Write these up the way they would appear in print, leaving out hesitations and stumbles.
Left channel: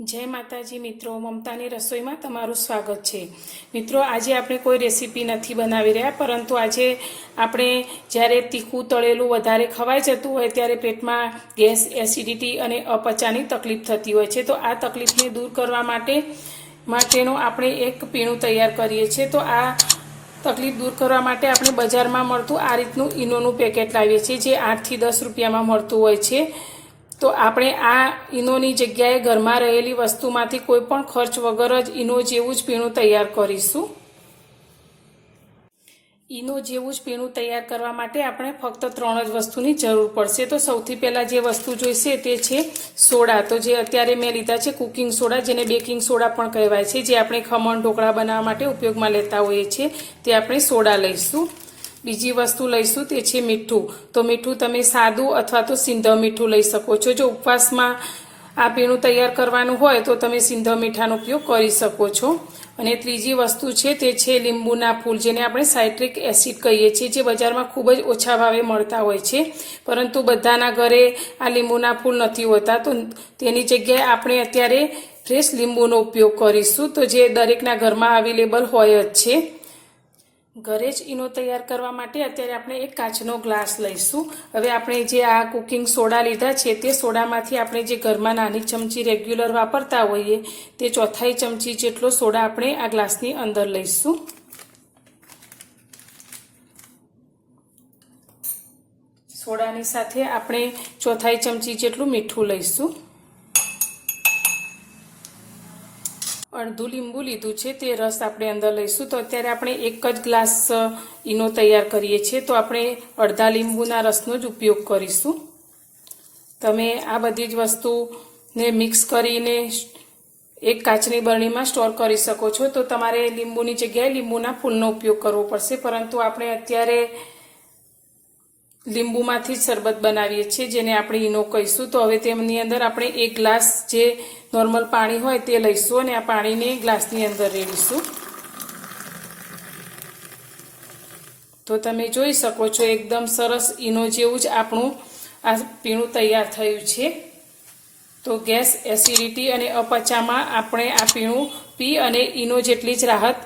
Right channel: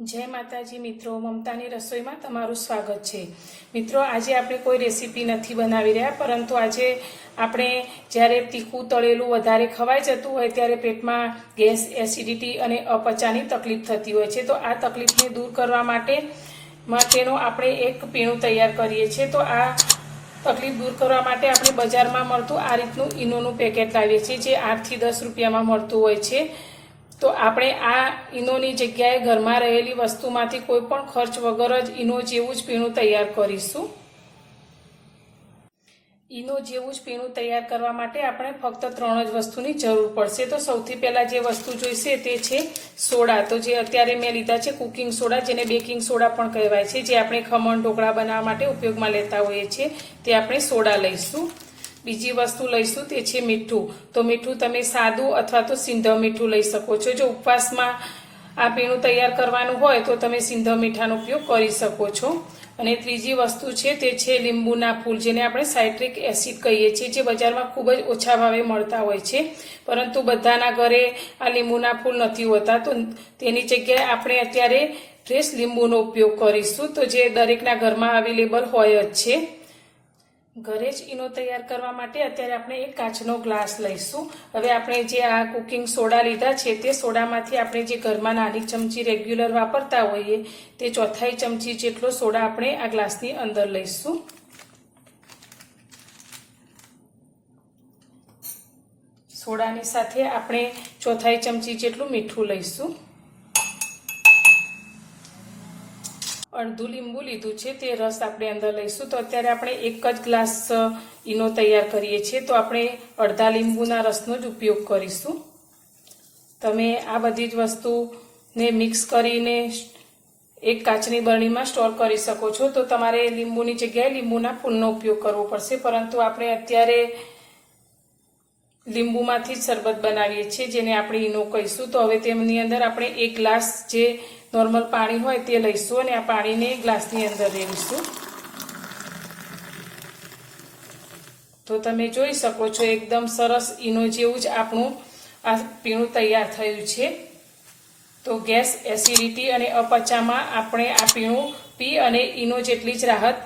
जय माताजी मित्रों, ममतानी रसोई में तमारुं स्वागत है। मित्रों, आज आपणे कोई रेसिपी नहीं बनावी रह्या, परंतु आज आपणे ज्यारे तीखुं तळेलुं वधारे खवाई जतुं होय त्यारे पेटमां गैस, एसिडिटी अने अपचानी तकलीफ थती होय छे। तो आ तकलीफने दूर करवा माटेनो आपणे एक पीणुं तैयार करीए छीए। तो आ तकलीफ दूर करवा माटे आपणे बजारमां मळतुं आ रीतनुं ईनोनुं पेकेट लावीए छीए, जे 8 થી 10 રૂપિયામાં મળતું હોય છે। तो आपणे आ ईनोनी जग्याए घरमां रहेली वस्तुमांथी कोईपण खर्च वगर ज ईनो जेवुं ज पीणुं तैयार करीशुं। ईनो जेवुं ज पीणुं तैयार करवा माटे आपणे फक्त 3 ज वस्तुनी जरूर पड़शे। तो सौथी पहेला जे वस्तु जोईशे ते छे सोडा। तो जे अत्यारे मैं लीधा छे कुकिंग सोडा, जेने बेकिंग सोडा पण कहेवाय छे, जे आपणे खमण ढोकळा बनाववा माटे उपयोगमां लेता होईए छीए, ते आपणे सोडा लईशुं। बीजी वस्तु लईशुं ते छे मीठुं। तो मीठुं तमे सादुं अथवा तो सिंधव मीठुं लई शको छो। जो उपवासमां आ पीणुं तैयार करवानुं होय तो तमे सिंधव मीठानो उपयोग करी शको छो। अने त्रीजी वस्तु छे ते छे લીંબુના फूल, जेने आपणे साइट्रिक एसिड कहीए छीए, जे बजारमां खूब ज ओछा भावे मळता होय छे, परंतु बधाना घरे आ લીંબુના फूल नथी होता। तो तेनी जग्याए आपणे अत्यारे फ्रेश લીંબુનો उपयोग करीशुं। तो जे दरेकना घरमां अवेलेबल होय ज छे। घरे ज ईनो तैयार करवा माटे अत्यारे आपणे एक काचनो ग्लास लईशुं। हवे आपणे जे आ कुकिंग सोडा लीधा छे ते सोडामांथी आपणे जे घरमां नानी चमची रेग्युलर वापरता होईए ते 1/4 चमची जेटलो सोडा आपणे आ ग्लासनी अंदर लईशुं। सोडानी साथे आपणे 1/4 चमची जेटલું મીઠું लईशुं। अर्धुं લીંબુ लीधुं छे ते रस आपणे अंदर लईशुं। तो अत्यारे आपणे एक ज ग्लास ईनो तैयार करीए छीए, तो आपणे अर्धा લીંબુના रसनो ज उपयोग करीशुं। तमे आ बधी ज वस्तुने मिक्स करीने एक काचनी बरણીમાં स्टोर करी शको छो। तो तमारे લીંબુની जग्याए લીંબુના फूलनो उपयोग करवो पड़शे, परंतु आपणे अत्यारे લીંબુમાંથી જ શરબત બનાવીએ છીએ, જેને આપણે ઈનો કહીશું। તો હવે તેમની અંદર આપણે એક ગ્લાસ જે નોર્મલ પાણી હોય તે લઈશું અને આ પાણીને ગ્લાસની અંદર રેડીશું। તો તમે જોઈ શકો છો એકદમ સરસ ઈનો જેવું જ આપણું આ પીણું તૈયાર થયું છે। તો ગેસ, એસિડિટી અને અપચામાં આપણે આ પીણું પી અને ઈનો જેટલી જ રાહત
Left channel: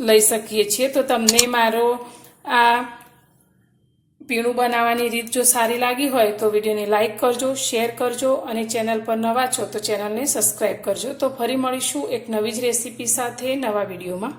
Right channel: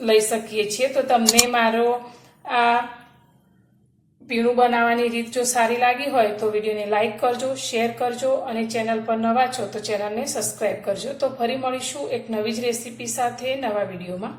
લઈ શકીએ છીએ। તો તમને મારો આ पीणुं बनाववानी रीत जो सारी लागी होय तो विडियोने लाइक करजो, शेर करजो और चेनल पर नवा छो तो चेनल ने सब्सक्राइब करजो। तो फरी मळीशुं एक नवी ज रेसिपी साथे नवा विडियोमां।